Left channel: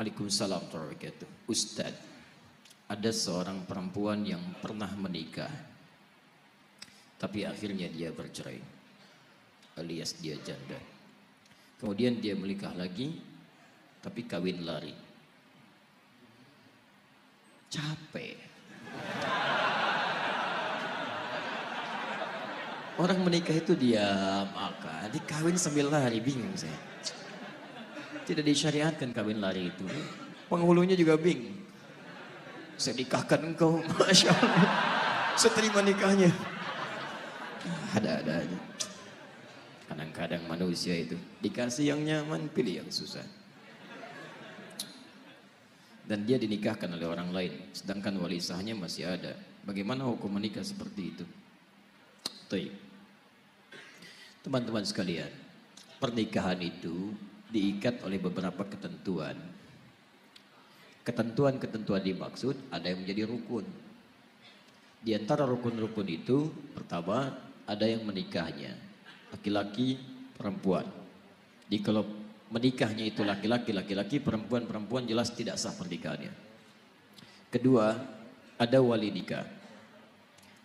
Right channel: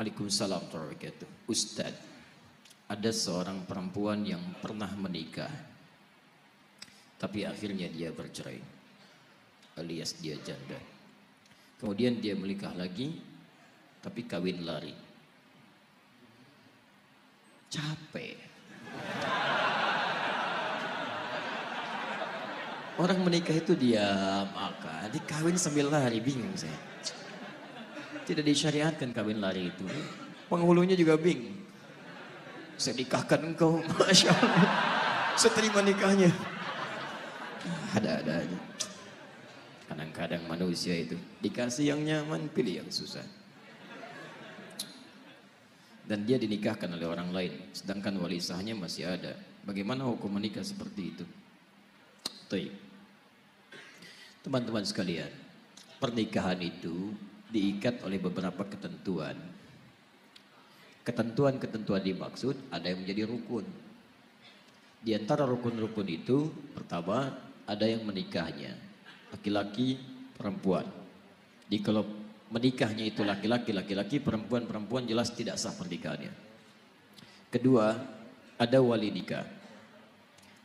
Waalaikumsalam warahmatullahi wabarakatuh. Ustaz, ada seorang perempuan yang pernah menikah, tapi akhirnya dia bercerai, alias dia janda. Kemudian dia menikah lagi, tapi kawin lari. Capek. Orang menikah itu diam, maka dikawin sambil lari, bingung saya. Tidak disyariatkan kawin lari itu. Penghulunya juga bingung. Saya nikahkan engkau, Masya Allah. Saya terima nikahnya. Ada-ada aja. Kadang-kadang manusia itu dikasih yang nyaman, pilih yang susah. Dan dia dinikahkan oleh orang lain, sedangkan wali sahnya masih ada. Bagaimana hukum menikah seperti itu? Teman-teman sekalian, pernikahan itu diikat oleh beberapa ketentuan. Ketentuan-ketentuan dimaksud ada yang menjadi rukun. Di antara rukun-rukun itu, pertama ada yang menikahnya, laki-laki, perempuan. Jadi kalau menikahnya itu laki-laki, perempuan jelas tidak sah pernikahannya. Kedua, ada wali nikah.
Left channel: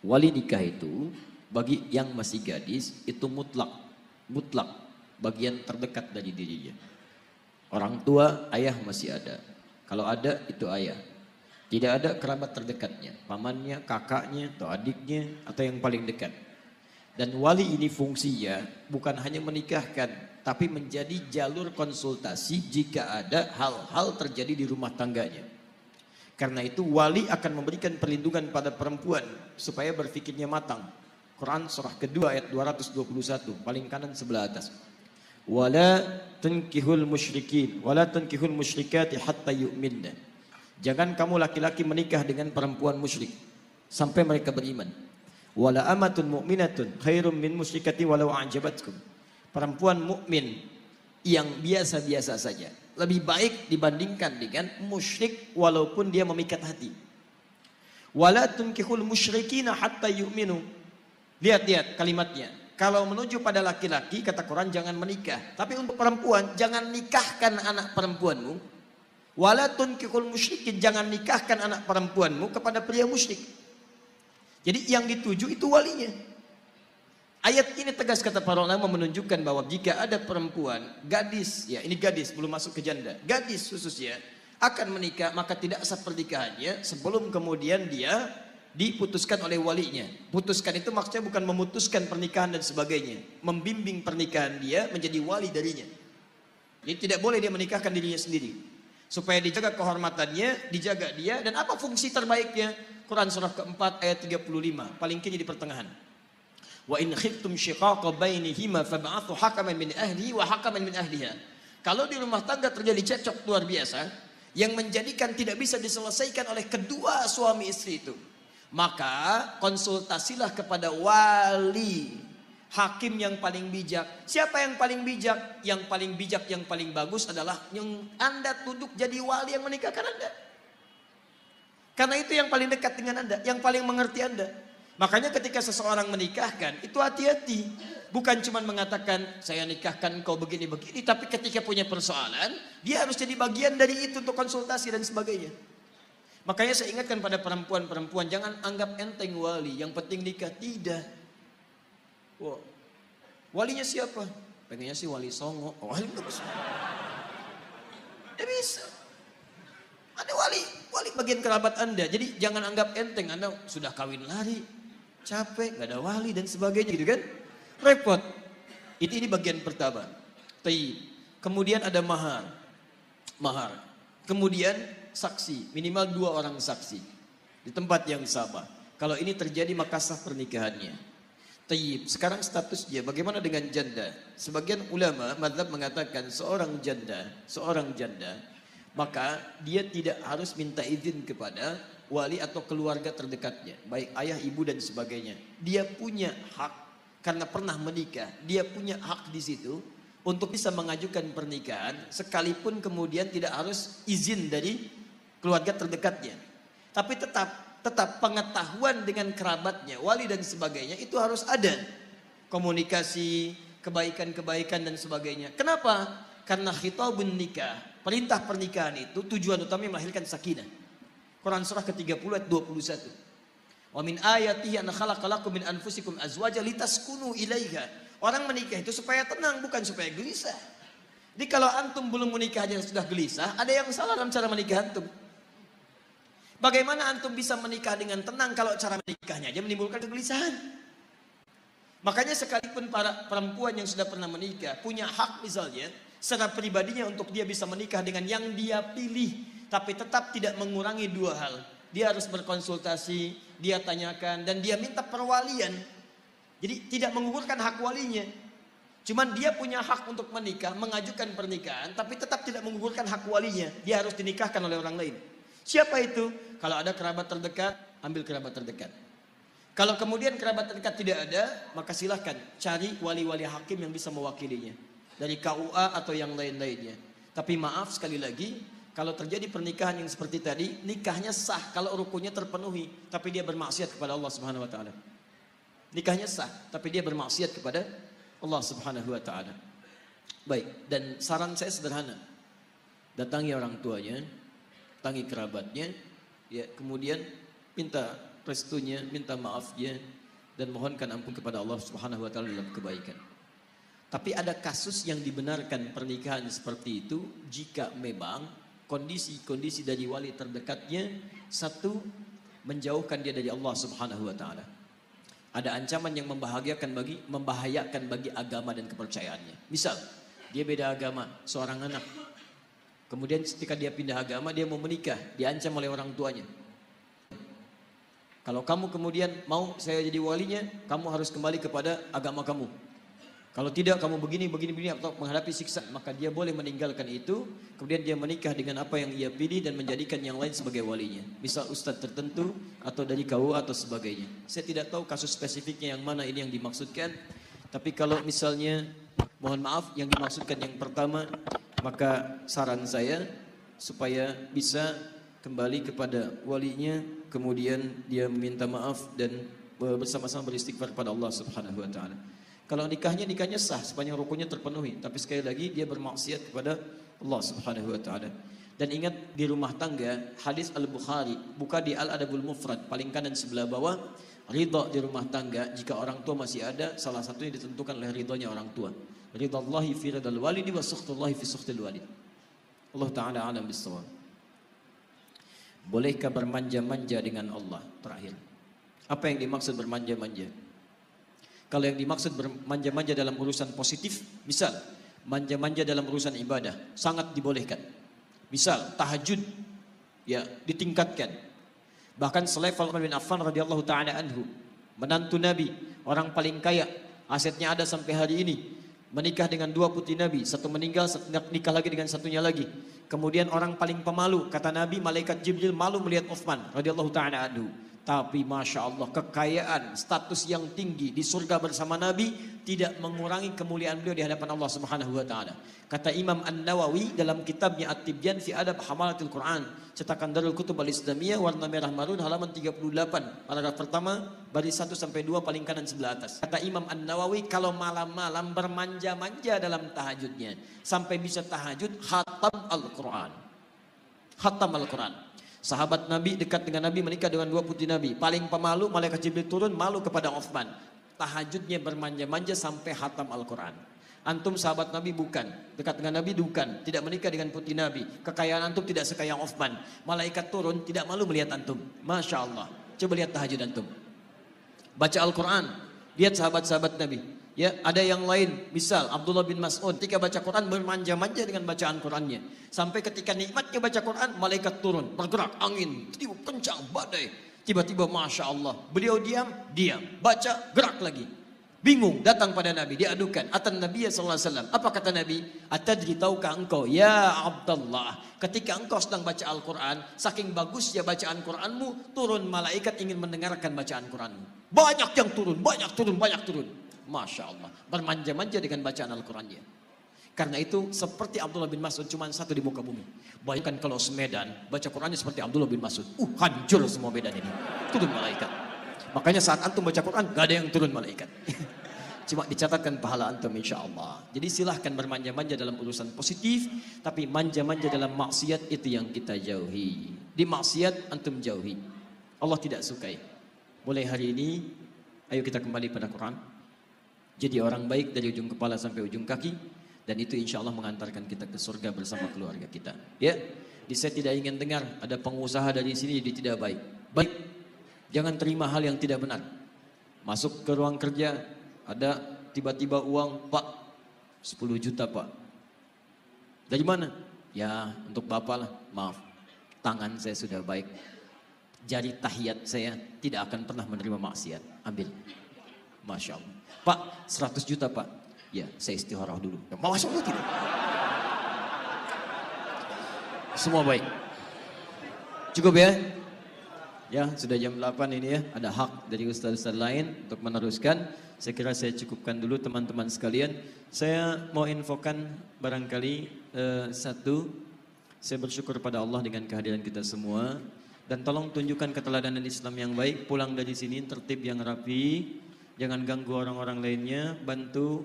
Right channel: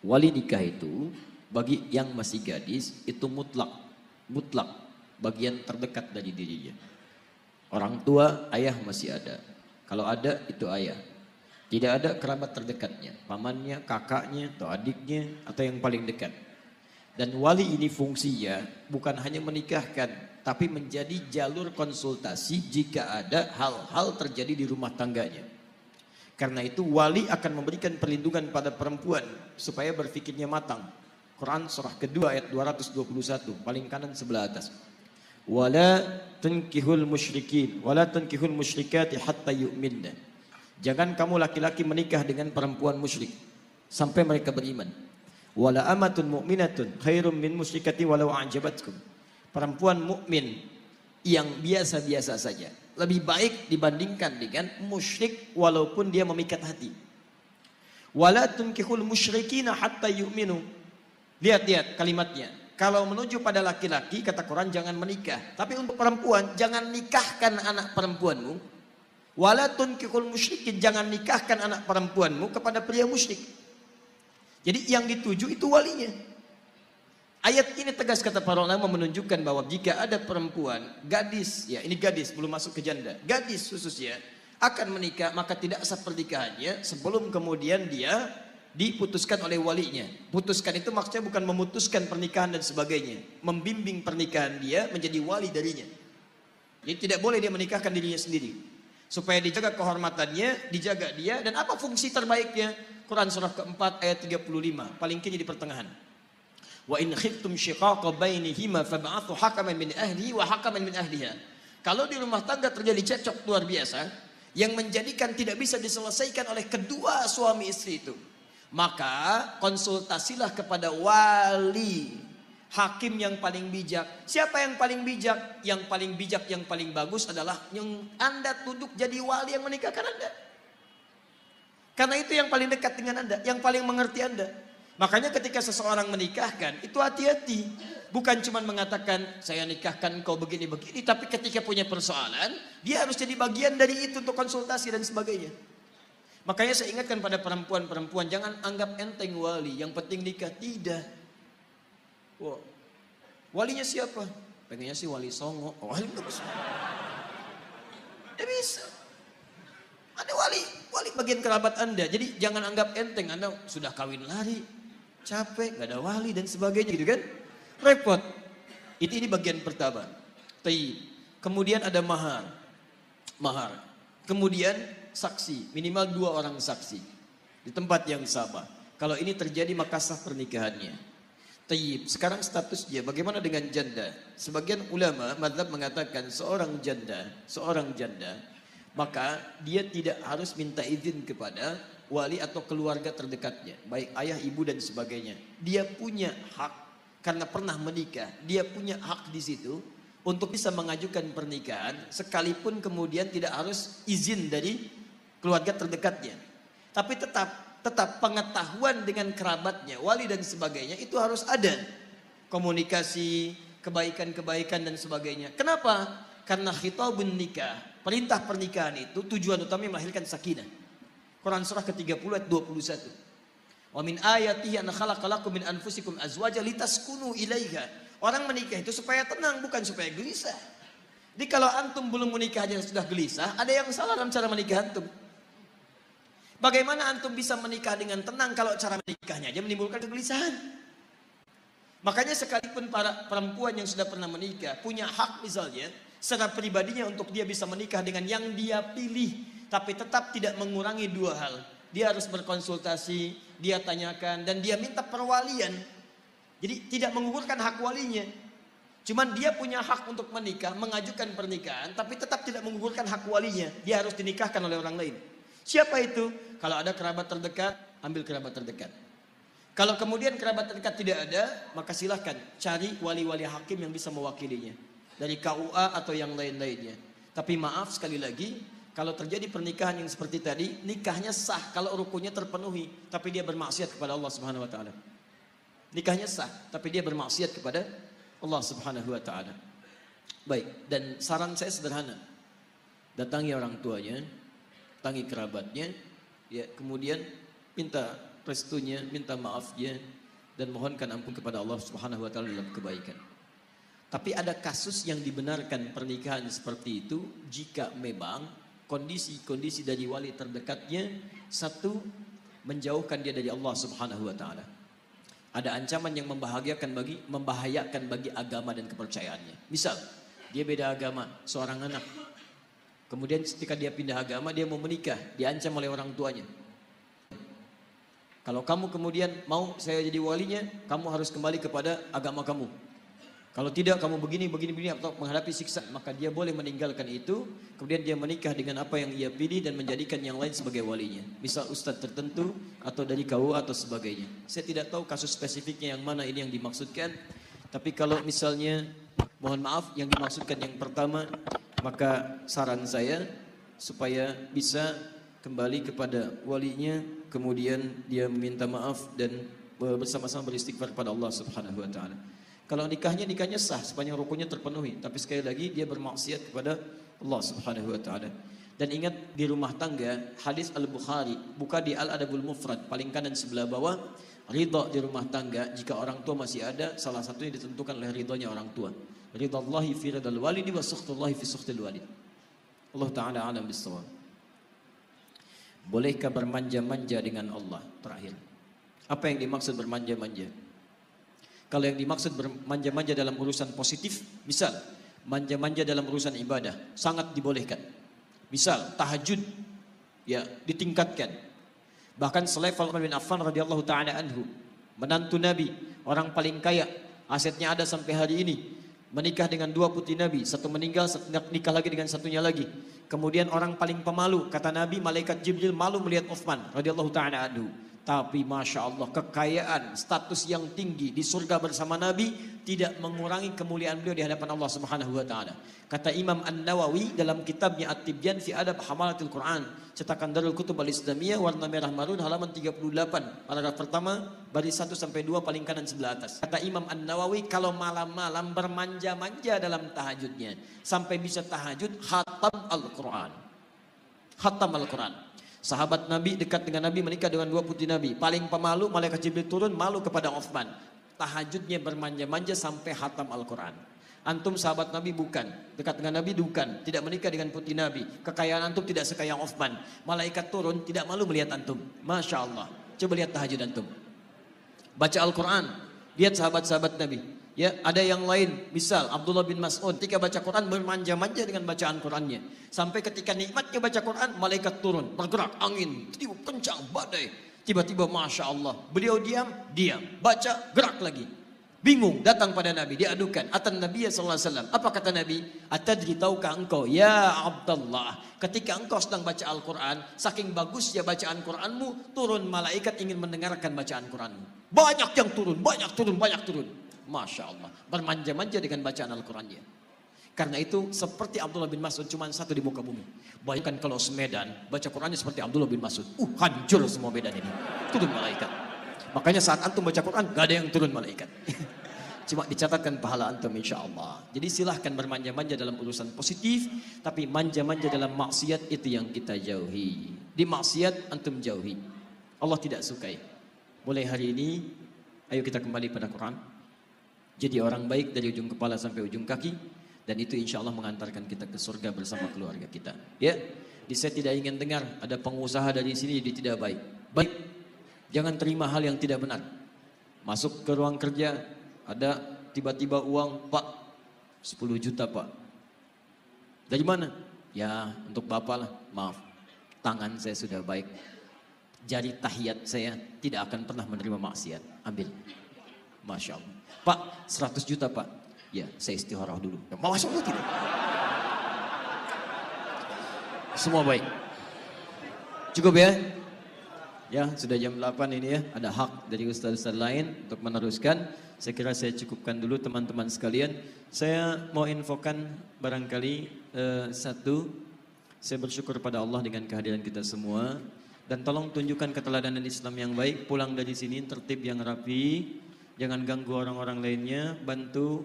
Wali nikah itu bagi yang masih gadis itu mutlak bagian terdekat dari dirinya. Orang tua, ayah masih ada. Kalau ada, itu ayah. Tidak ada kerabat terdekatnya, pamannya, kakaknya, atau adiknya, atau yang paling dekat. Dan wali ini fungsinya bukan hanya menikahkan, tapi menjadi jalur konsultasi jika ada hal-hal terjadi di rumah tangganya. Karena itu wali akan memberikan perlindungan pada perempuan supaya berfikirnya matang. Quran surah kedua ayat 221, paling kanan sebelah atas. Wala tunkihul musyrikin wala tunkihul musyrikati hatta yu'minna. Jangan kamu laki-laki menikah dengan perempuan musyrik sampai mereka beriman. Wala amatun mu'minatun khairum min musyrikati walau a'jabatkum. Perempuan mukmin yang biasa-biasa saja lebih baik dibandingkan dengan musyrik walaupun dia memikat hati. Wala tunkihul musyrikina hatta yu'minu. Lihat kalimatnya. Kalau menuju pada laki-laki, kata Quran jangan menikah. Tapi untuk perempuan, jangan nikahkan anak perempuanmu. Wala tunkihul musyrikin, jangan nikahkan anak perempuanmu kepada pria musyrik. Jadi yang dituju itu walinya. Ayat ini tegas kata para ulama menunjukkan bahwa jika ada perempuan, gadis, ya ini gadis belum masuk ke janda, gadis khususnya akan menikah, maka tidak sah pernikahannya sebelum kemudian dia diputuskan oleh walinya. Putuskan itu maksudnya bukan memutuskan pernikahan dan sebagainya, membimbing pernikahan dia menjadi wali darinya. Jadi tidak boleh dia menikahkan dirinya sendiri, supaya dijaga kehormatannya, dijaga dia. Dan apa fungsi terbaiknya? Quran surah keempat ayat 35, paling kiri di pertengahan. Wa in khiftum shiqaqa bainihima fab'athu hakaman min ahlihi wa hakaman min ahliha. Kalau di rumah tangga terjadi cekcok luar biasa yang menjadikan tidak bisa diselesaikan oleh kedua suami istri itu, maka konsultasilah kepada wali, hakim yang paling bijak. Siapa yang paling bijak? Yang paling bijak, yang paling bagus adalah yang Anda tunduk jadi wali yang menikahkan Anda. Karena itu yang paling dekat dengan Anda, yang paling mengerti Anda. Makanya ketika seseorang menikahkan, itu hati-hati. Bukan cuma mengatakan, saya nikahkan kau begini-begini. Tapi ketika punya persoalan, dia harus jadi bagian dari itu untuk konsultasi dan sebagainya. Makanya saya ingatkan pada perempuan-perempuan, jangan anggap enteng wali, yang penting nikah. Tidak. Wow. Walinya siapa? Pengennya sih wali songo. Oh, wali bagus. Tidak bisa. Ada wali bagian kerabat Anda. Jadi jangan anggap enteng, Anda sudah kawin lari, capek, gak ada wali dan sebagainya gitu kan. Repot. Ini bagian pertama. Kemudian ada mahar. Kemudian saksi, minimal 2 orang saksi di tempat yang sama. Kalau ini terjadi maka sah pernikahannya. Sekarang statusnya bagaimana dengan janda? Sebagian ulama mazhab mengatakan seorang janda maka dia tidak harus minta izin kepada wali atau keluarga terdekatnya, baik ayah, ibu dan sebagainya. Dia punya hak karena pernah menikah, dia punya hak di situ untuk bisa mengajukan pernikahan sekalipun kemudian tidak harus izin dari keluarga terdekatnya. Tapi tetap pengetahuan dengan kerabatnya, wali dan sebagainya itu harus ada. Komunikasi, kebaikan-kebaikan dan sebagainya. Kenapa? Karena khitabun nikah, perintah pernikahan itu tujuan utamanya melahirkan sakinah. Quran surah ke-30 ayat 21. Wa min ayatihi an khalaqalakum min anfusikum azwaja litaskunu ilaiha. Orang menikah itu supaya tenang, bukan supaya gelisah. Jadi kalau antum belum menikah aja sudah gelisah, ada yang salah dalam cara menikah antum. Bagaimana antum bisa menikah dengan tenang kalau cara menikahnya aja menimbulkan kegelisahan? Makanya sekalipun para perempuan yang sudah pernah menikah punya hak misalnya secara pribadinya untuk dia bisa menikah dengan yang dia pilih, tapi tetap tidak mengurangi dua hal. Dia harus berkonsultasi, dia tanyakan, dan dia minta perwalian. Jadi tidak menggugurkan hak walinya. Cuman dia punya hak untuk menikah, mengajukan pernikahan, tapi tetap tidak menggugurkan hak walinya. Dia harus dinikahkan oleh orang lain. Siapa itu? Kalau ada kerabat terdekat, ambil kerabat terdekat. Kalau kemudian kerabat terdekat tidak ada, maka silahkan cari wali-wali hakim yang bisa mewakilinya. Dari KUA atau yang lain-lainnya. Tapi maaf sekali lagi, kalau terjadi pernikahan yang seperti tadi, nikahnya sah kalau rukunnya terpenuhi, tapi dia bermaksiat kepada Allah Subhanahu wa taala. Nikahnya sah, tapi dia bermaksiat kepada Allah Subhanahu wa taala. Baik, dan saran saya sederhana. Datangi orang tuanya, datangi kerabatnya, ya, kemudian minta restunya, minta maafnya, dan mohonkan ampun kepada Allah Subhanahu wa taala dalam kebaikan. Tapi ada kasus yang dibenarkan pernikahan seperti itu jika memang kondisi-kondisi dari wali terdekatnya, satu, menjauhkan dia dari Allah Subhanahu wa taala. Ada ancaman yang membahayakan bagi agama dan kepercayaannya. Misal, dia beda agama, seorang anak. Kemudian ketika dia pindah agama, dia mau menikah, diancam oleh orang tuanya. Kalau kamu kemudian mau saya jadi walinya, kamu harus kembali kepada agama kamu. Kalau tidak, kamu begini atau menghadapi siksa, maka dia boleh meninggalkan itu. Kemudian dia menikah dengan apa yang ia pilih dan menjadikan yang lain sebagai walinya. Misal ustadz tertentu atau dari KUA atau sebagainya. Saya tidak tahu kasus spesifiknya yang mana ini yang dimaksudkan. Tapi kalau misalnya, mohon maaf, yang dimaksudkan yang pertama, maka saran saya supaya bisa kembali kepada walinya, kemudian dia meminta maaf dan bersama-sama beristighfar kepada Allah Subhanahu wa taala. Kalau nikahnya sah sepanjang rukunnya terpenuhi, tapi sekali lagi dia bermaksiat kepada Allah Subhanahu wa taala. Dan ingat, di rumah tangga, hadis Al-Bukhari, buka di Al-Adabul Mufrad paling kanan sebelah bawah, ridha di rumah tangga jika orang tua masih ada, salah satunya ditentukan oleh ridhonya orang tua. Ridhallahi fi ridhal walidi wa sukhtullahi fi sukhtil walid. Allah taala alam bis-shawab. Bolehkah bermanja-manja dengan Allah? Terakhir, apa yang dimaksud bermanja-manja? Kalau yang dimaksud bermanja-manja dalam urusan positif, misal manja-manja dalam urusan ibadah, sangat dibolehkan. Misal tahajud, ya, ditingkatkan. Bahkan selevel Utsman bin Affan radhiyallahu taala anhu, menantu Nabi, orang paling kaya, asetnya ada sampai hari ini, menikah dengan dua putri Nabi, satu meninggal, satu nikah lagi dengan satunya lagi. Kemudian orang paling pemalu, kata Nabi, malaikat Jibril malu melihat Utsman radhiyallahu taala anhu. Tapi Masya Allah, kekayaan, status yang tinggi di surga bersama Nabi tidak mengurangi kemuliaan beliau di hadapan Allah Subhanahu wa taala. Kata Imam An-Nawawi dalam kitabnya At-Tibyan fi Adab Hamalatil Quran, cetakan Darul Kutub Al-Islamiyah, warna merah marun, halaman 38, paragraf pertama, baris 1 sampai 2 paling kanan sebelah atas. Kata Imam An-Nawawi, kalau malam-malam bermanja-manja dalam tahajudnya, sampai bisa tahajud khatam Al-Quran. Khatam Al-Quran. Sahabat Nabi dekat dengan Nabi, menikah dengan dua putri Nabi. Paling pemalu, malaikat Jibril turun, malu kepada Utsman. Tahajudnya bermanja-manja sampai khatam Al-Quran. Antum sahabat Nabi bukan, dekat dengan Nabi bukan, tidak menikah dengan putri Nabi. Kekayaan antum tidak sekaya Utsman. Malaikat turun, tidak malu melihat antum. Masya Allah. Coba lihat tahajud antum. Baca Al-Quran, lihat sahabat-sahabat Nabi. Ya, ada yang lain, misal Abdullah bin Mas'ud ketika baca Quran bermanja-manja dengan bacaan Qurannya. Sampai ketika nikmatnya baca Quran, malaikat turun, bergerak angin, tiup kencang badai. Tiba-tiba Masya Allah, beliau diam, baca, gerak lagi. Bingung, datang pada Nabi, diadukan. Atan Nabi sallallahu alaihi wasallam. Apa kata Nabi? Atadri, tahukah engkau, ya Abdullah, ketika engkau sedang baca Al-Quran, saking bagusnya bacaan Quranmu, turun malaikat ingin mendengarkan bacaan Quranmu. Banyak yang turun, banyak turun. Masya Allah, bermanja-manja dengan bacaan Al-Qurannya. Karena itu seperti Abdullah bin Mas'ud, cuma satu di muka bumi. Bayangkan kalau semedan, baca Qurannya seperti Abdullah bin Mas'ud. Hancur semua medan ini. Turun malaikat. Makanya saat antum baca Quran, gak ada yang turun malaikat. cuma dicatatkan pahala antum insya-Allah. Jadi silahkan bermanja-manja dalam urusan positif, tapi manja-manja dalam maksiat itu yang kita jauhi. Di maksiat antum jauhi. Allah tidak sukai. Mulai hari ini, ayo kita kembali pada Quran. Jadi orang baik dari ujung kepala sampai ujung kaki, dan itu insya Allah mengantarkan kita ke surga bersama keluarga kita. Ya, saya tidak ingin dengar ada pengusaha dari sini jadi tidak baik. Baik, jangan terima hal yang tidak benar. Masuk ke ruang kerja, ada tiba-tiba uang, Pak, 10 juta Pak. Dari mana? Ya, untuk Bapak lah, maaf. Tangan saya sudah baik. Jari tahiyat saya tidak akan pernah menerima maksiat. Ambil. Masya Allah. Pak, 100 juta Pak. Ya, saya istikharah dulu. Ya, Masya Allah tidak. Semua baik. Cukup ya? Ya, sudah jam 8 ini ya. Ada hak dari ustaz-ustaz lain untuk meneruskan. Saya kira saya cukupkan dulu teman-teman sekalian. Saya mau infokan barangkali satu. Saya bersyukur pada Allah dengan kehadiran kita semua. Dan tolong tunjukkan keteladanan Islam yang baik. Pulang dari sini tertib yang rapi. Jangan ganggu orang-orang lainnya. Bantu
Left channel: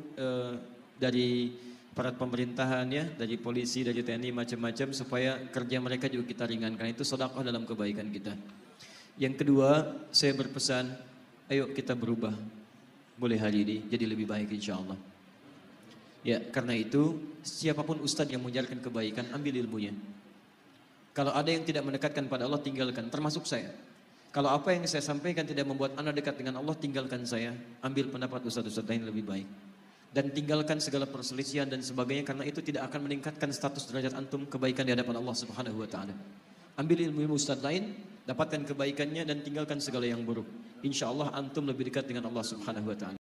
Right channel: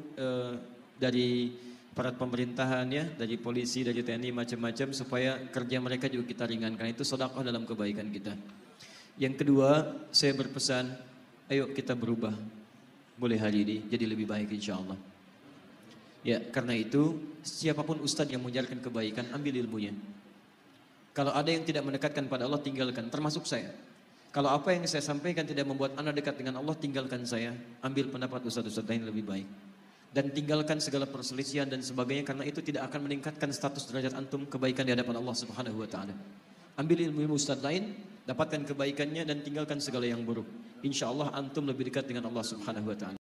dari aparat pemerintahan ya, dari polisi, dari TNI macam-macam supaya kerja mereka juga kita ringankan. Itu sedekah dalam kebaikan kita. Yang kedua, saya berpesan, ayo kita berubah. Boleh hari ini jadi lebih baik insya Allah. Ya, karena itu siapapun ustadz yang mengajarkan kebaikan, ambil ilmunya. Kalau ada yang tidak mendekatkan pada Allah, tinggalkan, termasuk saya. Kalau apa yang saya sampaikan tidak membuat anda dekat dengan Allah, tinggalkan saya. Ambil pendapat ustadz-ustadz lain lebih baik. Dan tinggalkan segala perselisihan dan sebagainya, karena itu tidak akan meningkatkan status derajat antum kebaikan di hadapan Allah Subhanahu wa taala. Ambil ilmu ustadz lain, dapatkan kebaikannya dan tinggalkan segala yang buruk. Insya Allah antum lebih dekat dengan Allah Subhanahu wa taala.